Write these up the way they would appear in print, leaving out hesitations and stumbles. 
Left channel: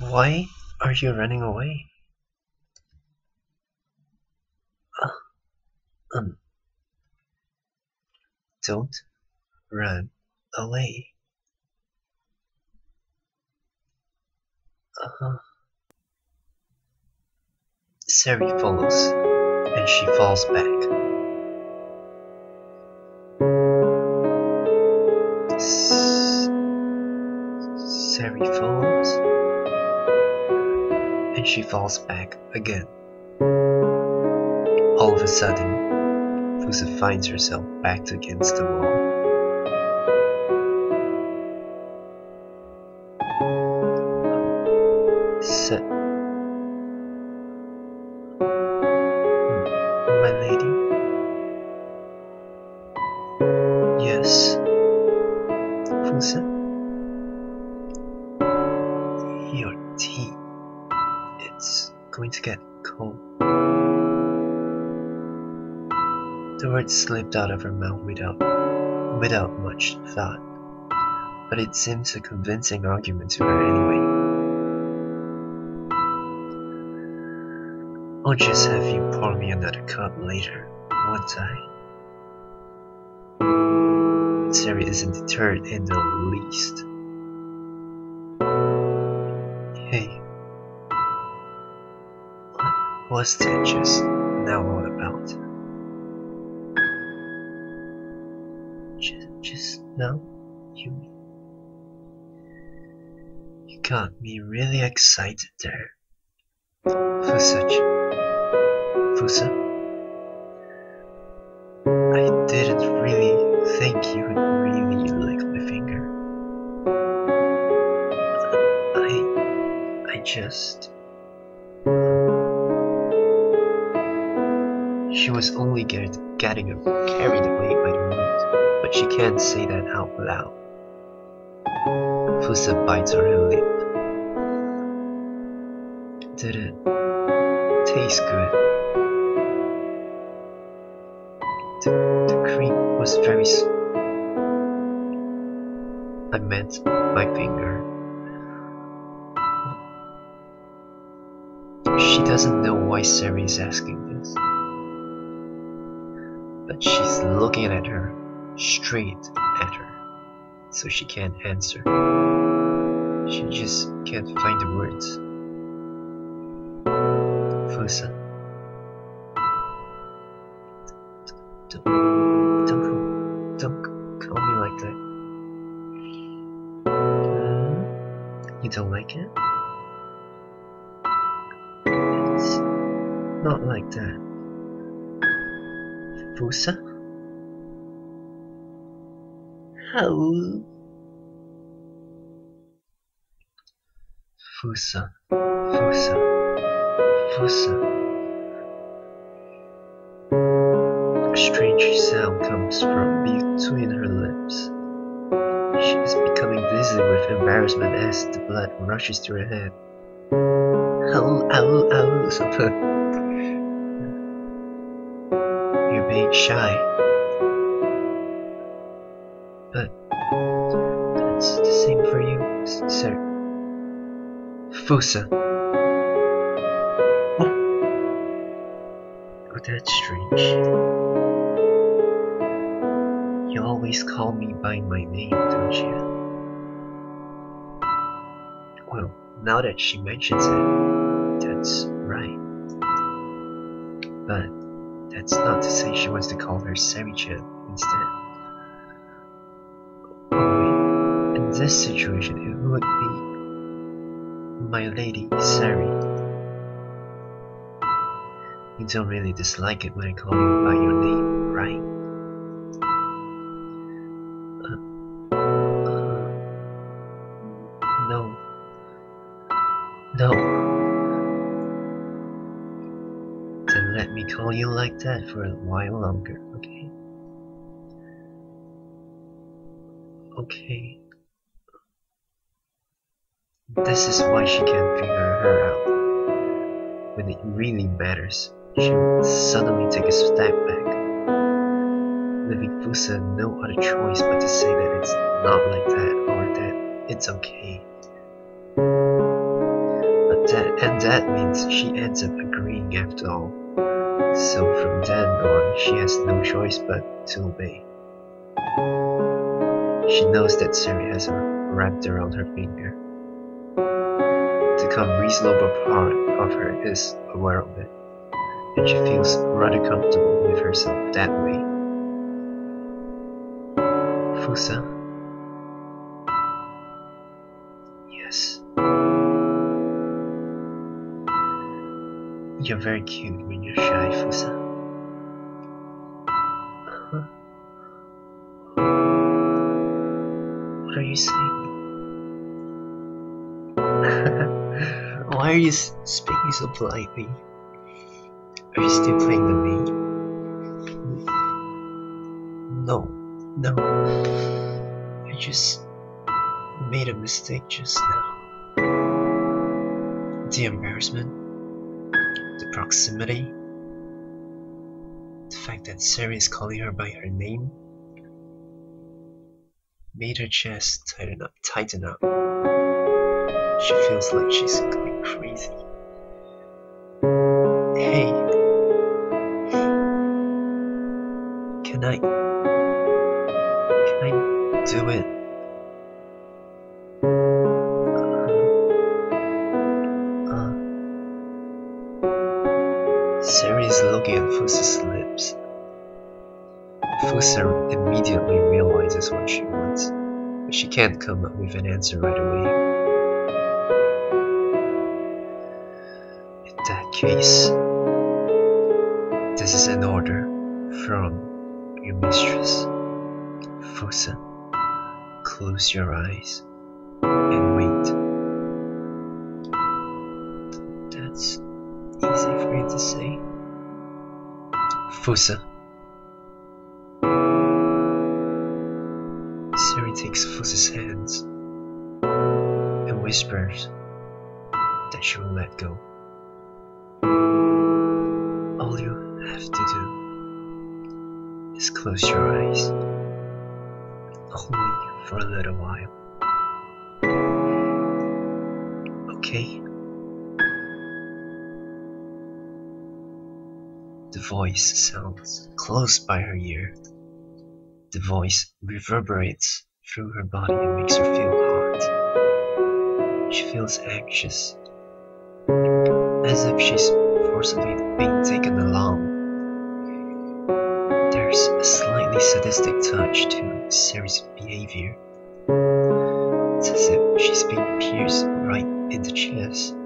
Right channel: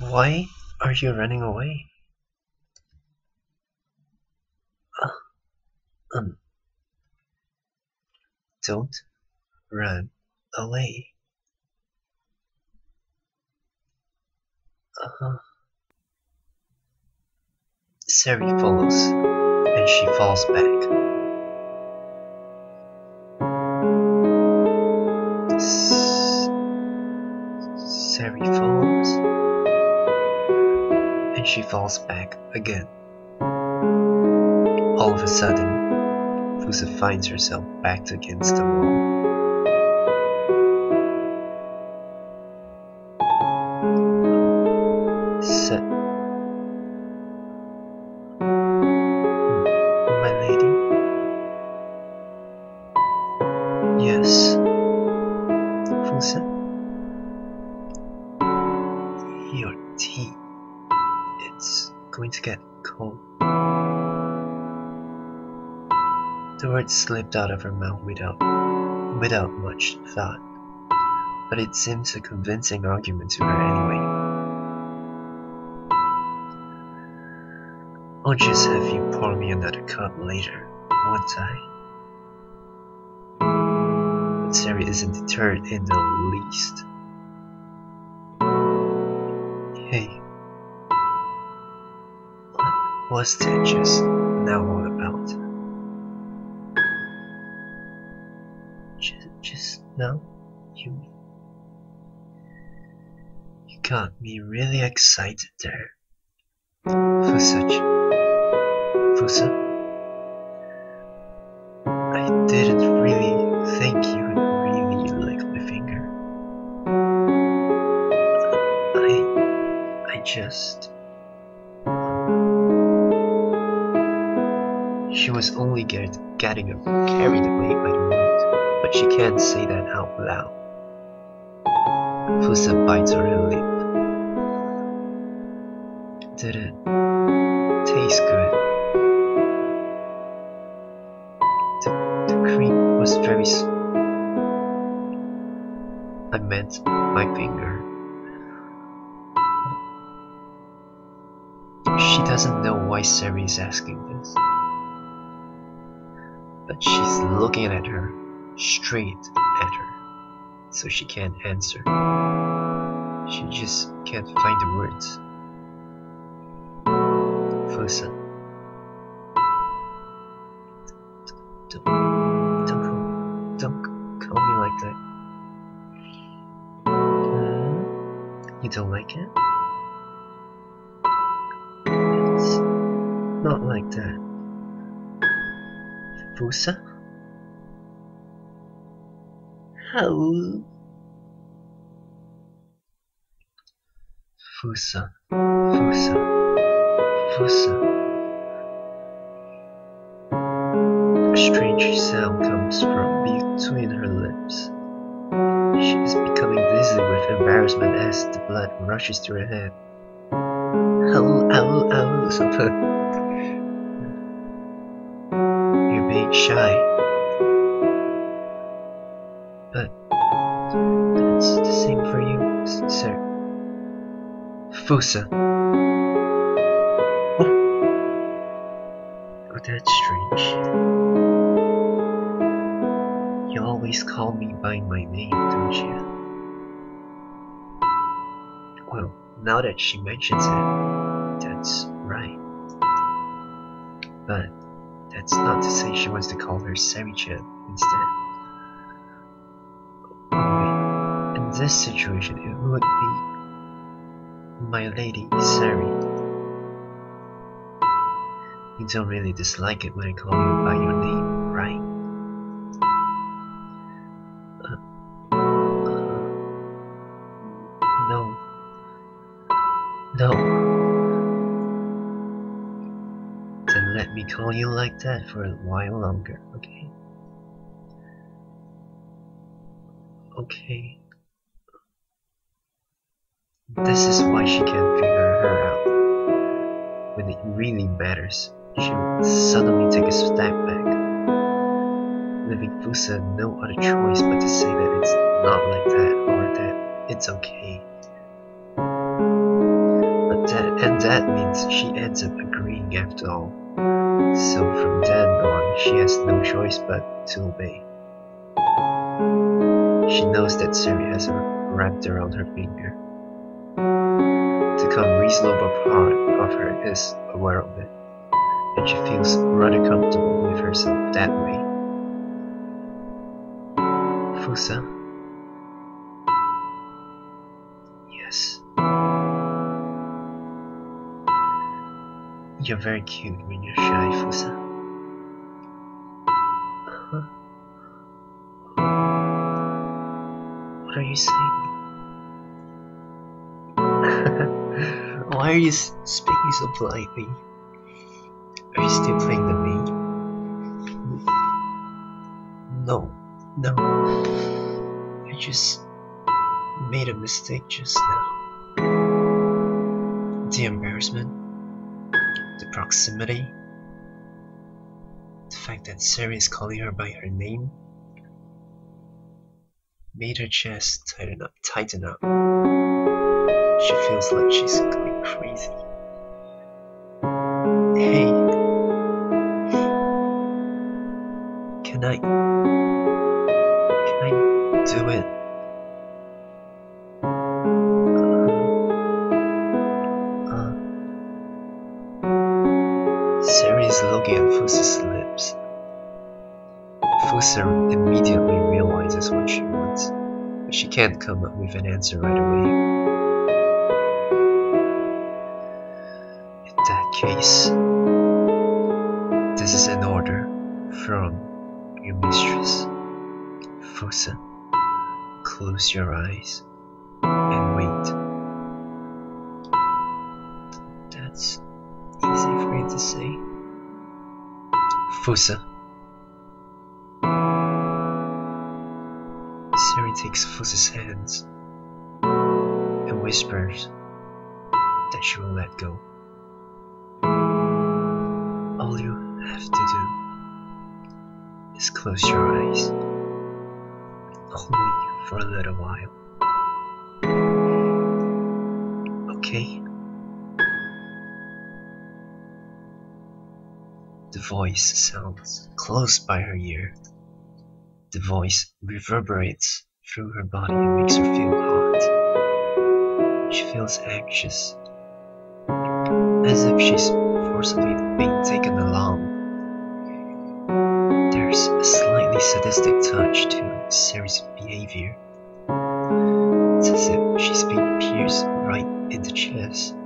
Why are you running away? Um, don't run away. Uh-huh. Sari follows, and she falls back. Sari follows, and she falls back again. All of a sudden, Fusa finds herself backed against the wall. My lady? Yes. Fusa? Your tea. It's going to get cold. The words slipped out of her mouth without much thought, but it seems a convincing argument to her anyway. I'll just have you pour me another cup later, won't I? But Sari isn't deterred in the least. Hey, what was that just now all about? Just now? You got me really excited there. Fusa, I didn't really think you would really lick my finger. I just... She was only getting carried away by the mood, but she can't say that out loud. Fusa bites on her lip. Did it taste good? The cream was very I meant my finger. She doesn't know why Sari is asking this, but she's looking at her, straight at her, so she can't answer. She just can't find the words. Fusa, don't call me like that. You don't like it? It's not like that. Fusa? How? Fusa. A strange sound comes from between her lips. She is becoming dizzy with embarrassment as the blood rushes to her head. Ow, something. You're being shy. But that's the same for you, sir. Fusa. Oh, that's strange. You always call me by my name, don't you? Well, now that she mentions it, that's right. But that's not to say she wants to call her Sari-chan instead. Oh wait, in this situation it would be my lady Sari. You don't really dislike it when I call you by your name, right? No. Then let me call you like that for a while longer, okay? Okay. This is why she can't figure her out. When it really matters, she would suddenly take a step back, leaving Fusa no other choice but to say that it's not like that or that it's okay. And that means she ends up agreeing after all. So from then on, she has no choice but to obey. She knows that Seri has her wrapped around her finger. The reasonable part of her is aware of it, and she feels rather comfortable with herself that way. Fusa? Yes. You're very cute when you're shy, Fusa. Huh? What are you saying? Why are you speaking so politely? Are you still playing the maid? No. I just made a mistake just now. The embarrassment, the proximity, the fact that Seri is calling her by her name made her chest tighten up. She feels like she's going crazy. Hey, can I do it? Seri is looking at Fusa's lips. Fusa immediately realizes what she wants, but she can't come up with an answer right away. In that case, this is an order from your mistress. Fusa, close your eyes and wait. That's easy for you to say. Fusa. Seri takes Fusa's hands and whispers that she will let go. All you have to do is close your eyes, only for a little while. Okay? The voice sounds close by her ear. The voice reverberates through her body and makes her feel hot. She feels anxious, as if she's forcibly being taken along. There's a slightly sadistic touch to Seri's behavior. It's as if she's being pierced right in the chest.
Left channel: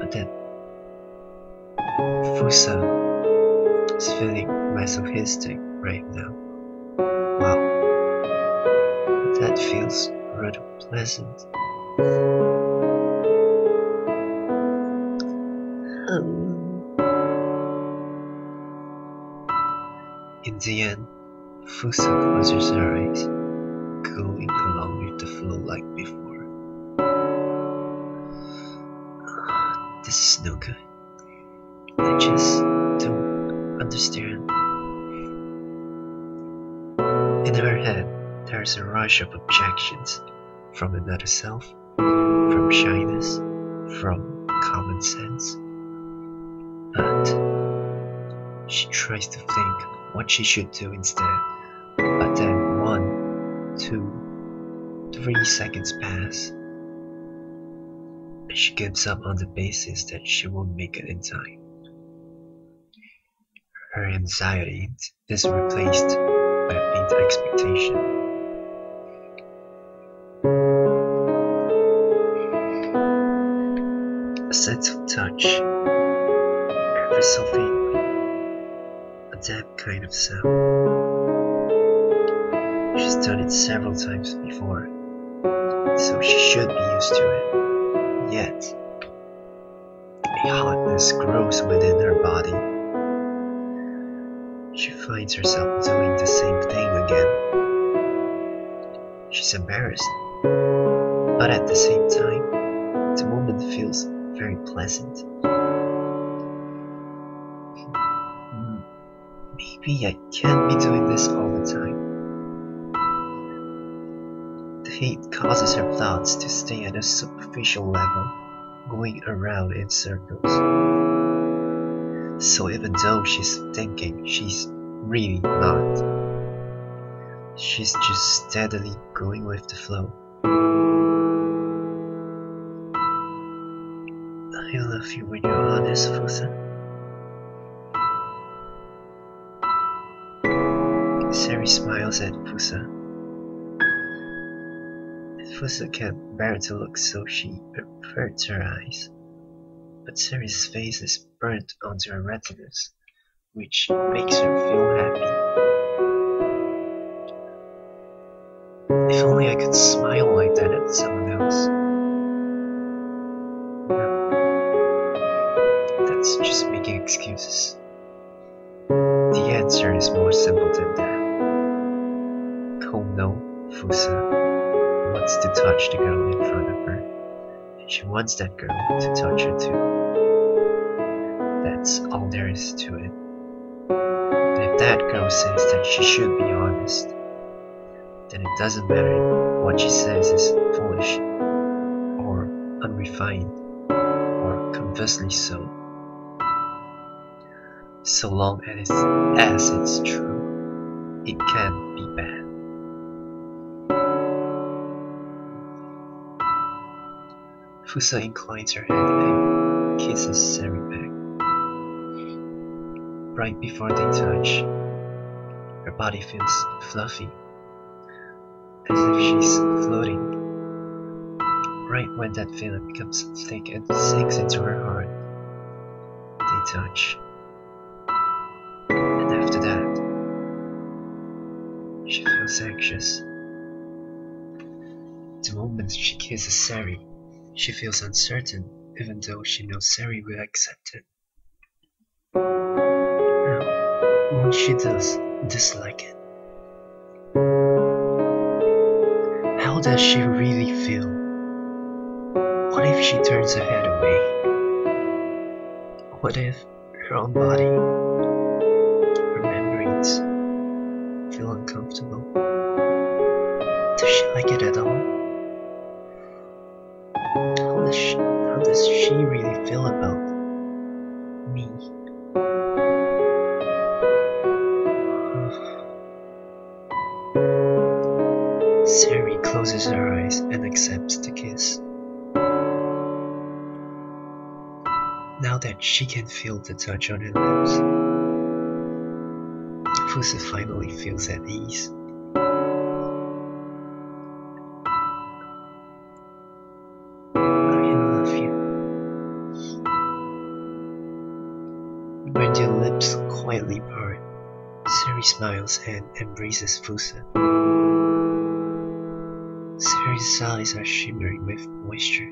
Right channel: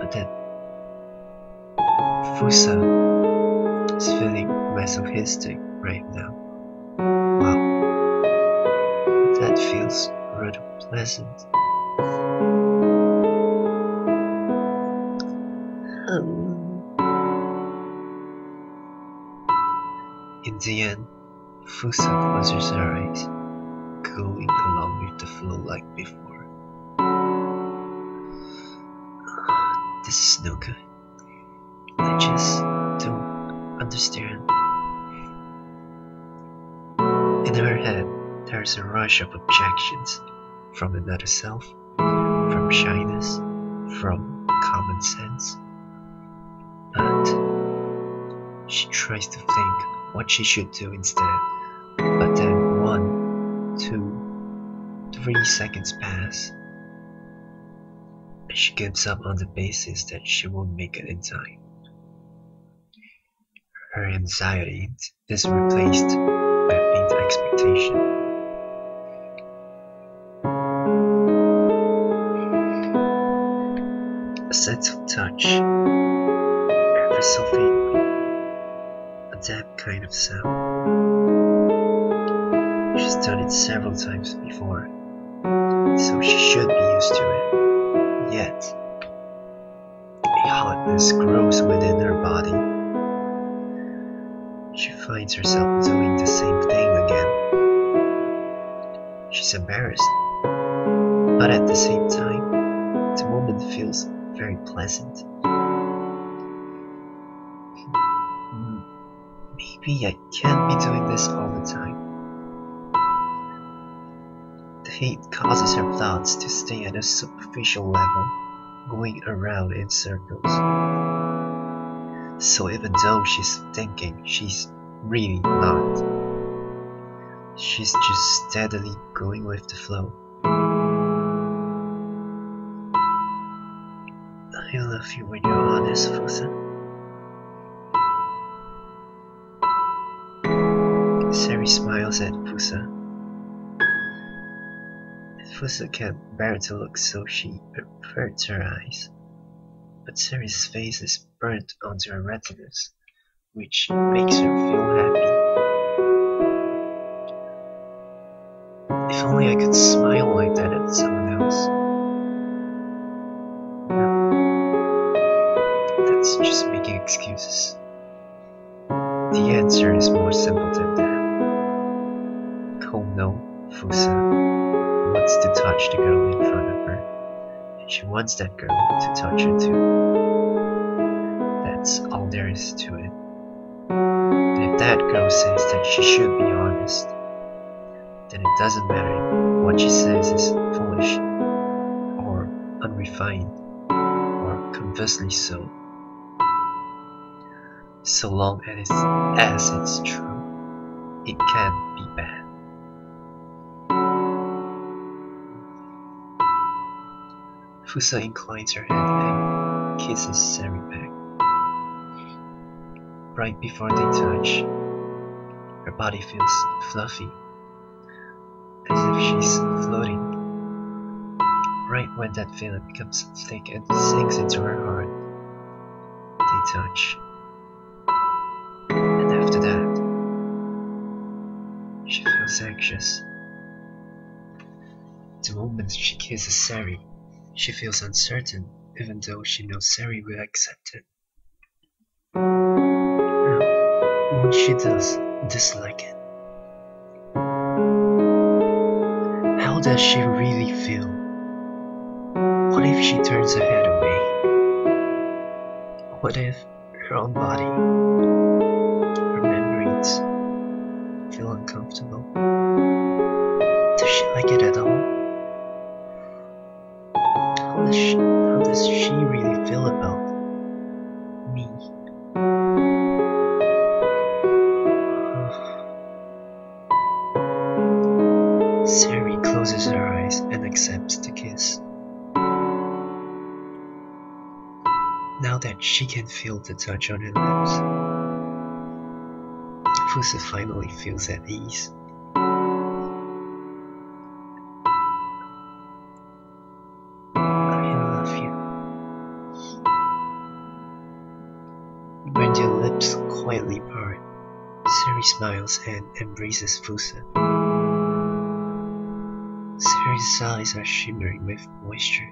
But then Fusa is feeling masochistic right now. Wow, that feels rather pleasant. In the end, Fusa closes her eyes, going along with the flow like before. This is no good. I just don't understand. In her head, there's a rush of objections from another self, from shyness, from common sense. But she tries to think what she should do instead. But then 1, 2, 3 seconds pass, and she gives up on the basis that she won't make it in time. Her anxiety is replaced by a faint expectation. A sense of touch, ever so faintly, a damp kind of sound. She's done it several times before, so she should be used to it. Yet, a hotness grows within her body. She finds herself doing the same thing again. She's embarrassed, but at the same time, the moment feels very pleasant. Maybe I can't be doing this all the time. The Hate causes her thoughts to stay at a superficial level, going around in circles. So even though she's thinking, she's really not. She's just steadily going with the flow. I love you when you're honest, Fusa. Sari smiles at Fusa. Fusa can't bear to look, so she averts her eyes. But Sari's face is burnt onto her retinas, which makes her feel happy. If only I could smile like that at someone else. No, that's just making excuses. The answer is more simple than that. Kono Fusa wants to touch the girl in front of her, and she wants that girl to touch her too. That's all there is to it. And if that girl says that she should be honest, then it doesn't matter if what she says is foolish, or unrefined, or conversely so. So long as it's true, it can't be bad. Fusa inclines her head and kisses Sari back. Right before they touch, her body feels fluffy, as if she's floating. Right when that feeling becomes thick and sinks into her heart, they touch. And after that, she feels anxious. The moment she kisses Sari, she feels uncertain, even though she knows Sari will accept it. Now, won't she dislike it? How does she really feel? What if she turns her head away? What if her own body, her memories, feel uncomfortable? Does she like it at all? How does she really feel about me? Sari closes her eyes and accepts the kiss. Now that she can feel the touch on her lips, Fusa finally feels at ease. When their lips quietly part, Sari smiles and embraces Fusa. Sari's eyes are shimmering with moisture,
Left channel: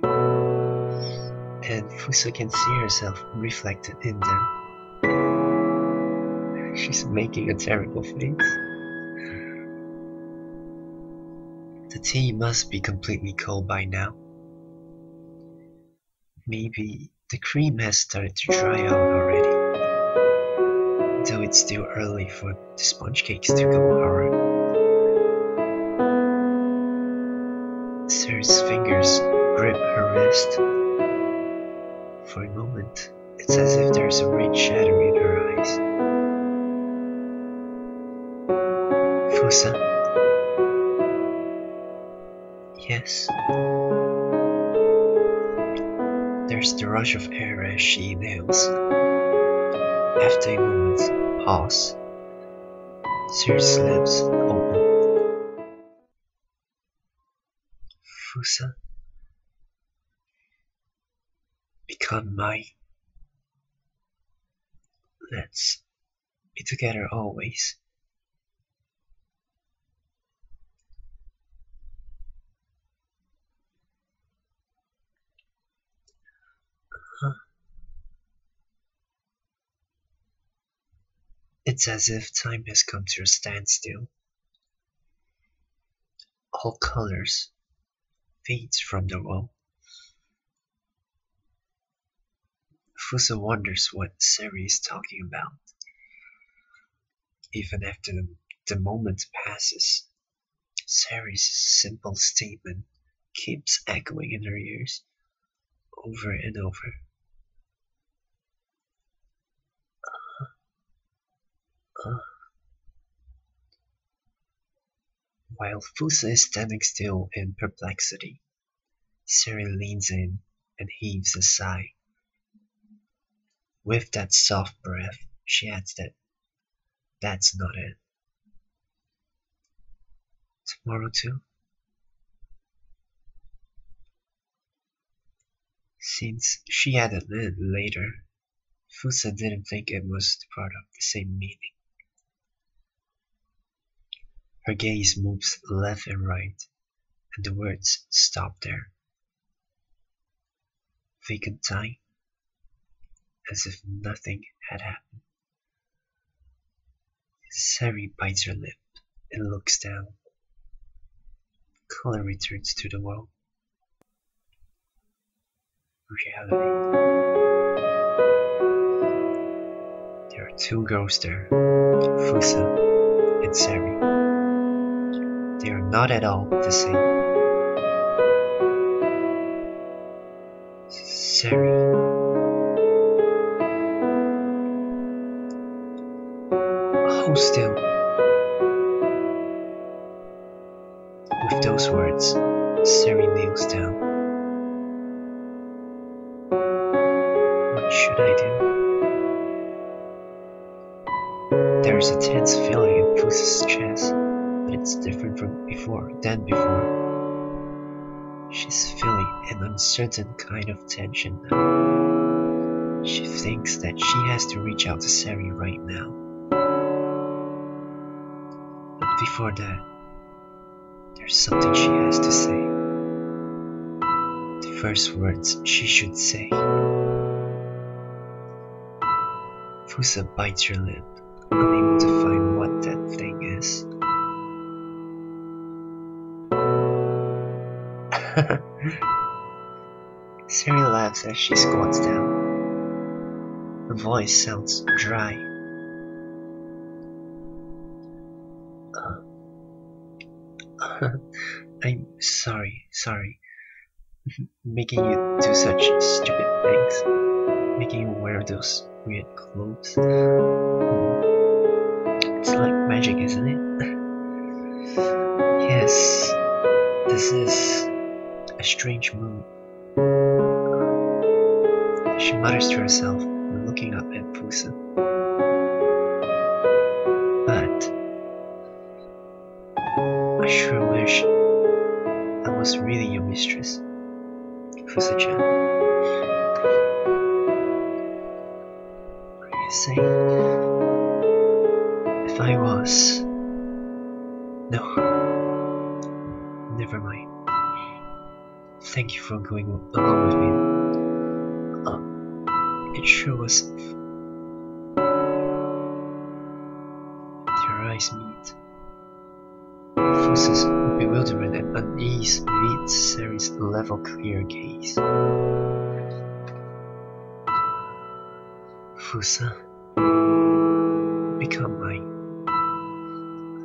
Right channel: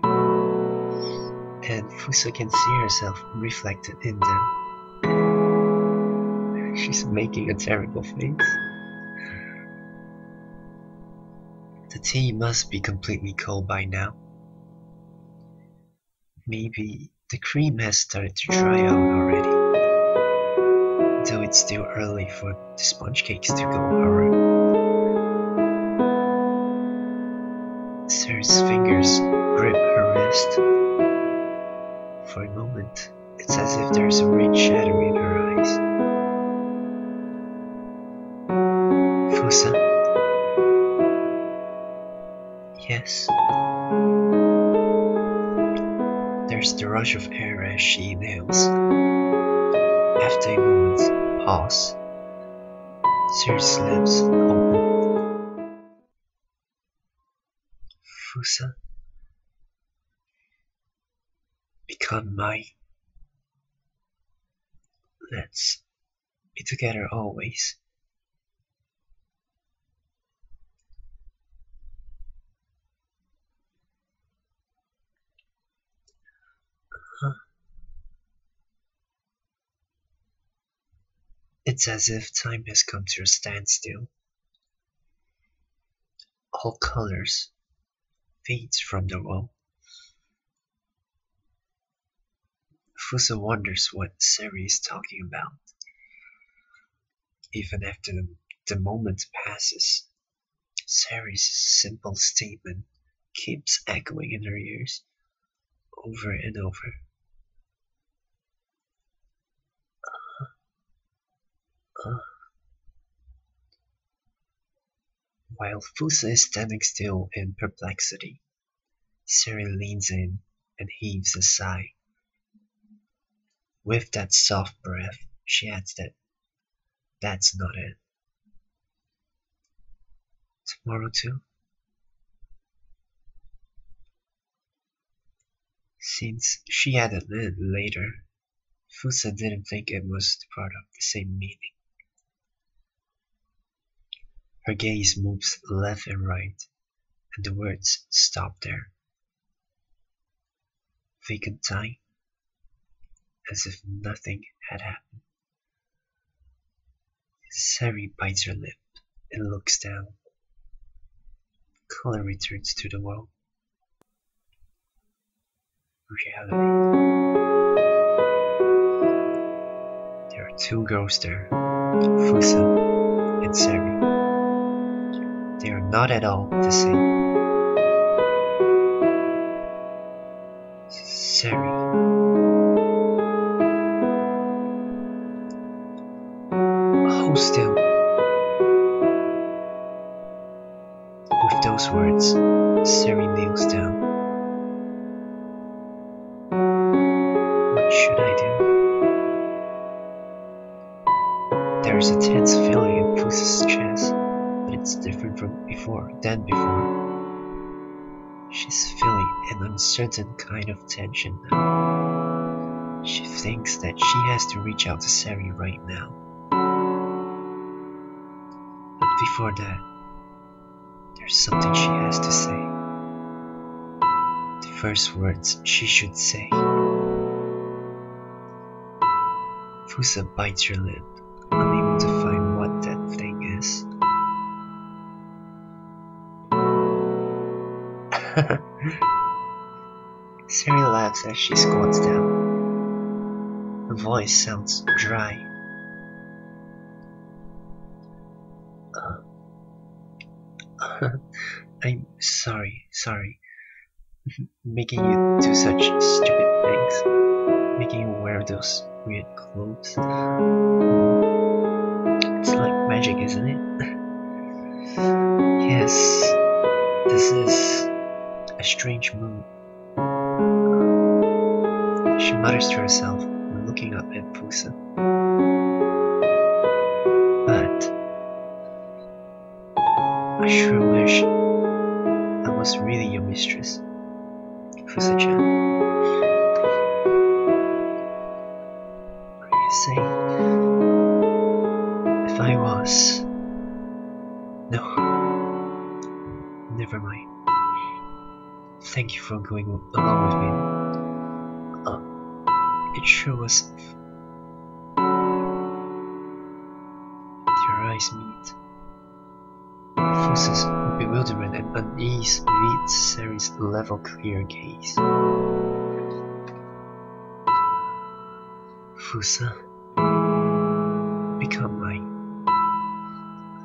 and Fusa can see herself reflected in them. She's making a terrible face. The tea must be completely cold by now. Maybe the cream has started to dry out already, though it's still early for the sponge cakes to go hard. Sari's fingers grip her wrist. For a moment, it's as if there's a red shadow in her eyes. Fusa? Yes. There's the rush of air as she inhales. After a moment's pause, Sari's lips open. Fusa, become mine. Let's be together always. It's as if time has come to a standstill. All colors fades from the wall. Fusa wonders what Sari is talking about. Even after the moment passes, Sari's simple statement keeps echoing in her ears, over and over. While Fusa is standing still in perplexity, Sari leans in and heaves a sigh. With that soft breath, she adds that that's not it. Tomorrow too? Since she added it later, Fusa didn't think it was part of the same meaning. Her gaze moves left and right, and the words stop there. Vacant time, as if nothing had happened. Sari bites her lip and looks down. Color returns to the wall. Reality. There are two girls there, Fusa and Sari. They are not at all the same. Sari. Hold still. With those words, Sari kneels down. What should I do? There is a tense feeling in Fusa's chest, but it's different than before. She's feeling an uncertain kind of tension now. She thinks that she has to reach out to Sari right now. But before that, there's something she has to say. The first words she should say. Fusa bites her lip, unable to find what that thing is. Sari laughs as she squats down. Her voice sounds dry. I'm sorry, making you do such stupid things, making you wear those weird clothes. It's like magic, isn't it? Yes, this is a strange mood. She mutters to herself, looking up at Fusa. But I sure wish I was really your mistress, Fusa-chan. What do you say? If I was... No. Never mind. Thank you for going along with me. It sure was... Their eyes meet. Fusa's bewilderment and unease meets Sari's level, clear gaze. Fusa, become mine.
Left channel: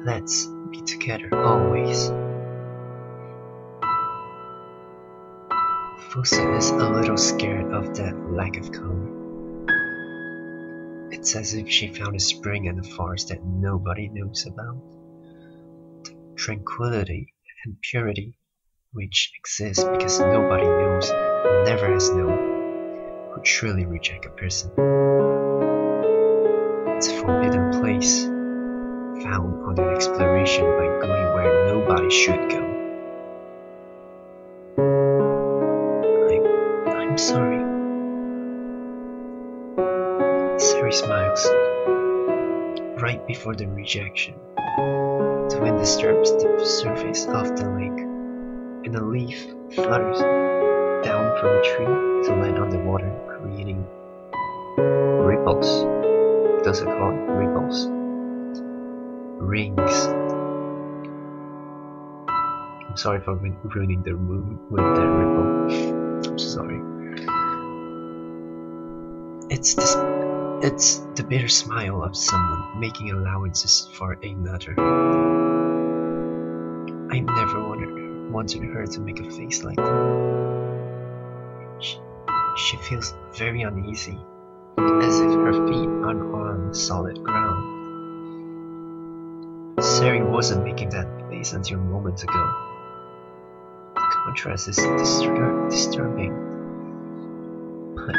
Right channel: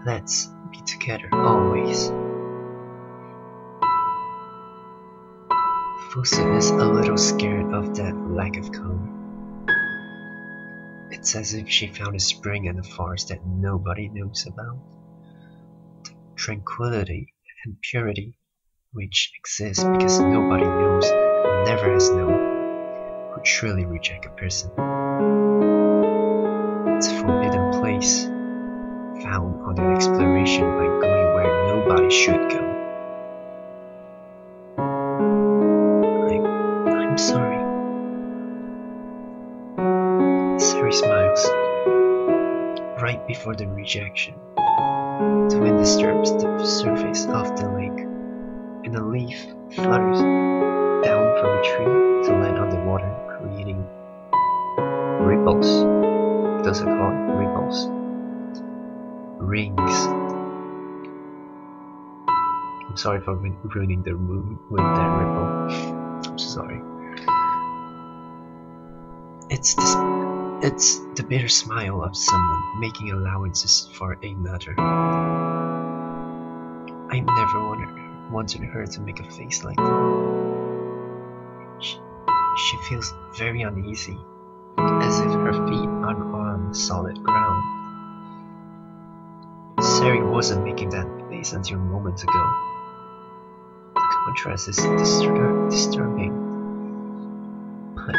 Let's be together always. Fusa is a little scared of that lack of color. It's as if she found a spring in the forest that nobody knows about. The tranquility and purity which exists because nobody knows and never has known would surely reject a person. It's a forbidden place, found on an exploration by going where nobody should go. I'm sorry. Sari smiles. Right before the rejection, the wind disturbs the surface of the lake, and a leaf flutters down from a tree to land on the water, creating ripples. Those are called ripples. Rings. I'm sorry for ruining the mood with that ripple. I'm sorry. It's the bitter smile of someone making allowances for another. I never wanted her to make a face like that. She feels very uneasy, as if her feet aren't on solid ground. Sari wasn't making that face until moments ago. The contrast is disturbing, but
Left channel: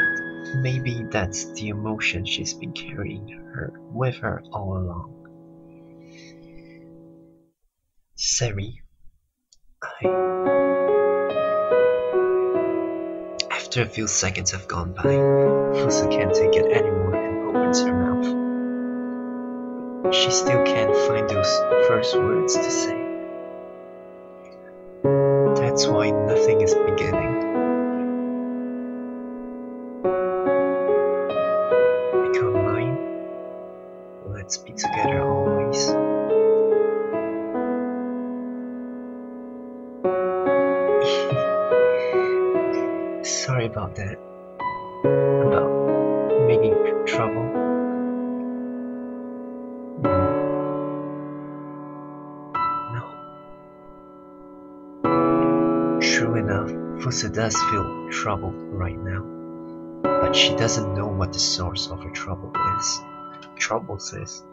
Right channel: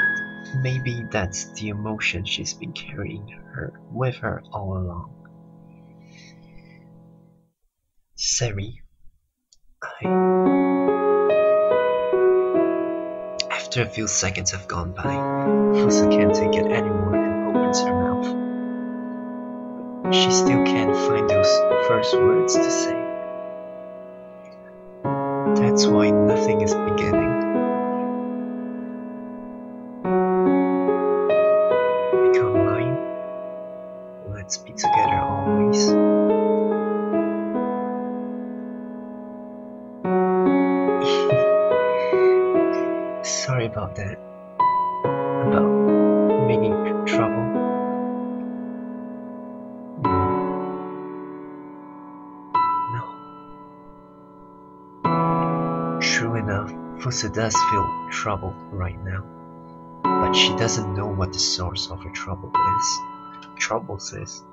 maybe that's the emotion she's been carrying with her all along. Sari, After a few seconds have gone by, Fusa can't take it anymore and opens her mouth. But she still can't find those first words to say. That's why nothing is beginning. Become mine. Let's be together always. Sorry about that. About making trouble. No. True enough, Fusa does feel troubled right now. But she doesn't know what the source of her troubles is.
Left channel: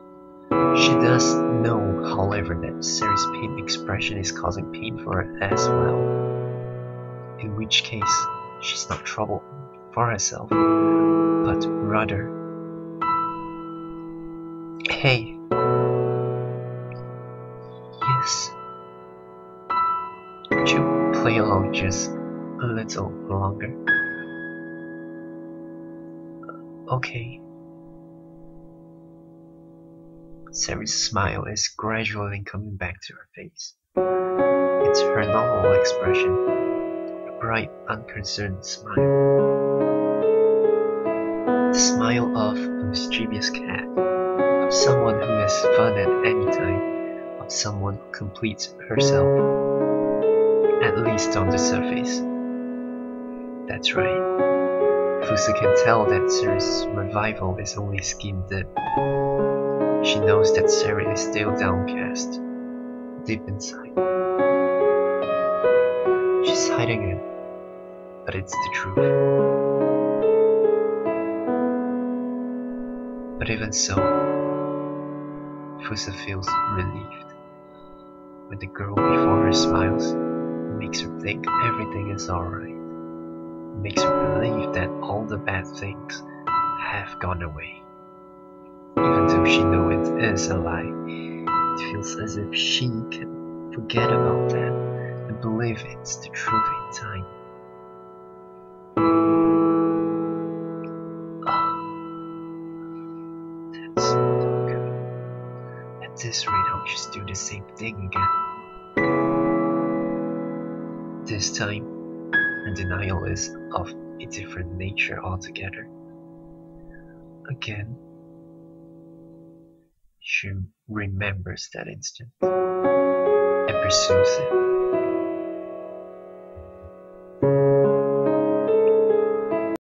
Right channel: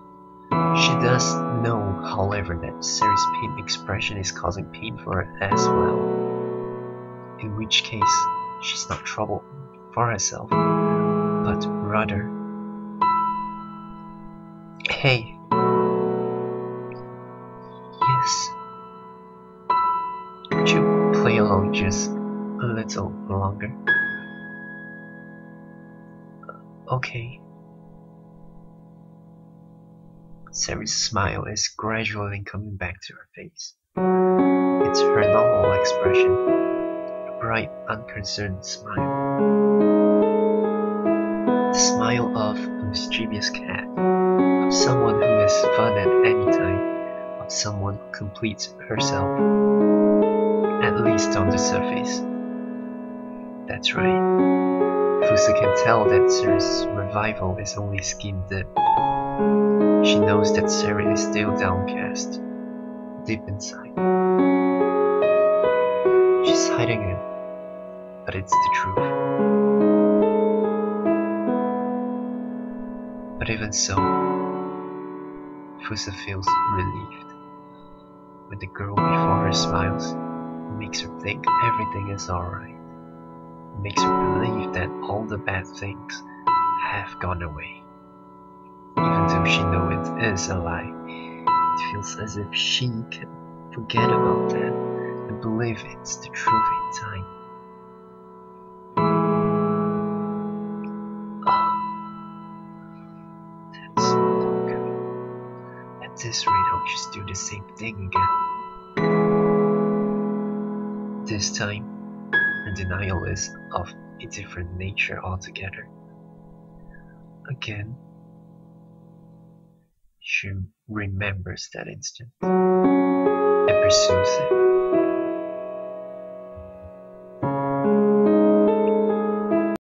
She does know, however, that Sari's pain expression is causing pain for her as well. In which case, she's not troubled for herself, but rather... Hey. Yes. Would you play along just a little longer? Okay. Sari's smile is gradually coming back to her face. It's her normal expression, a bright, unconcerned smile. The smile of a mischievous cat, of someone who has fun at any time, of someone who completes herself, at least on the surface. That's right. Fusa can tell that Sari's revival is only skin deep. She knows that Sari is still downcast, deep inside. She's hiding it, but it's the truth. But even so, Fusa feels relieved when the girl before her smiles. Makes her think everything is alright. Makes her believe that all the bad things have gone away. Even though she knows it is a lie, it feels as if she can forget about that and believe it's the truth in time. That's not good. At this rate, I'll just do the same thing again. This time, her denial is of a different nature altogether. Again, she remembers that instant and pursues it.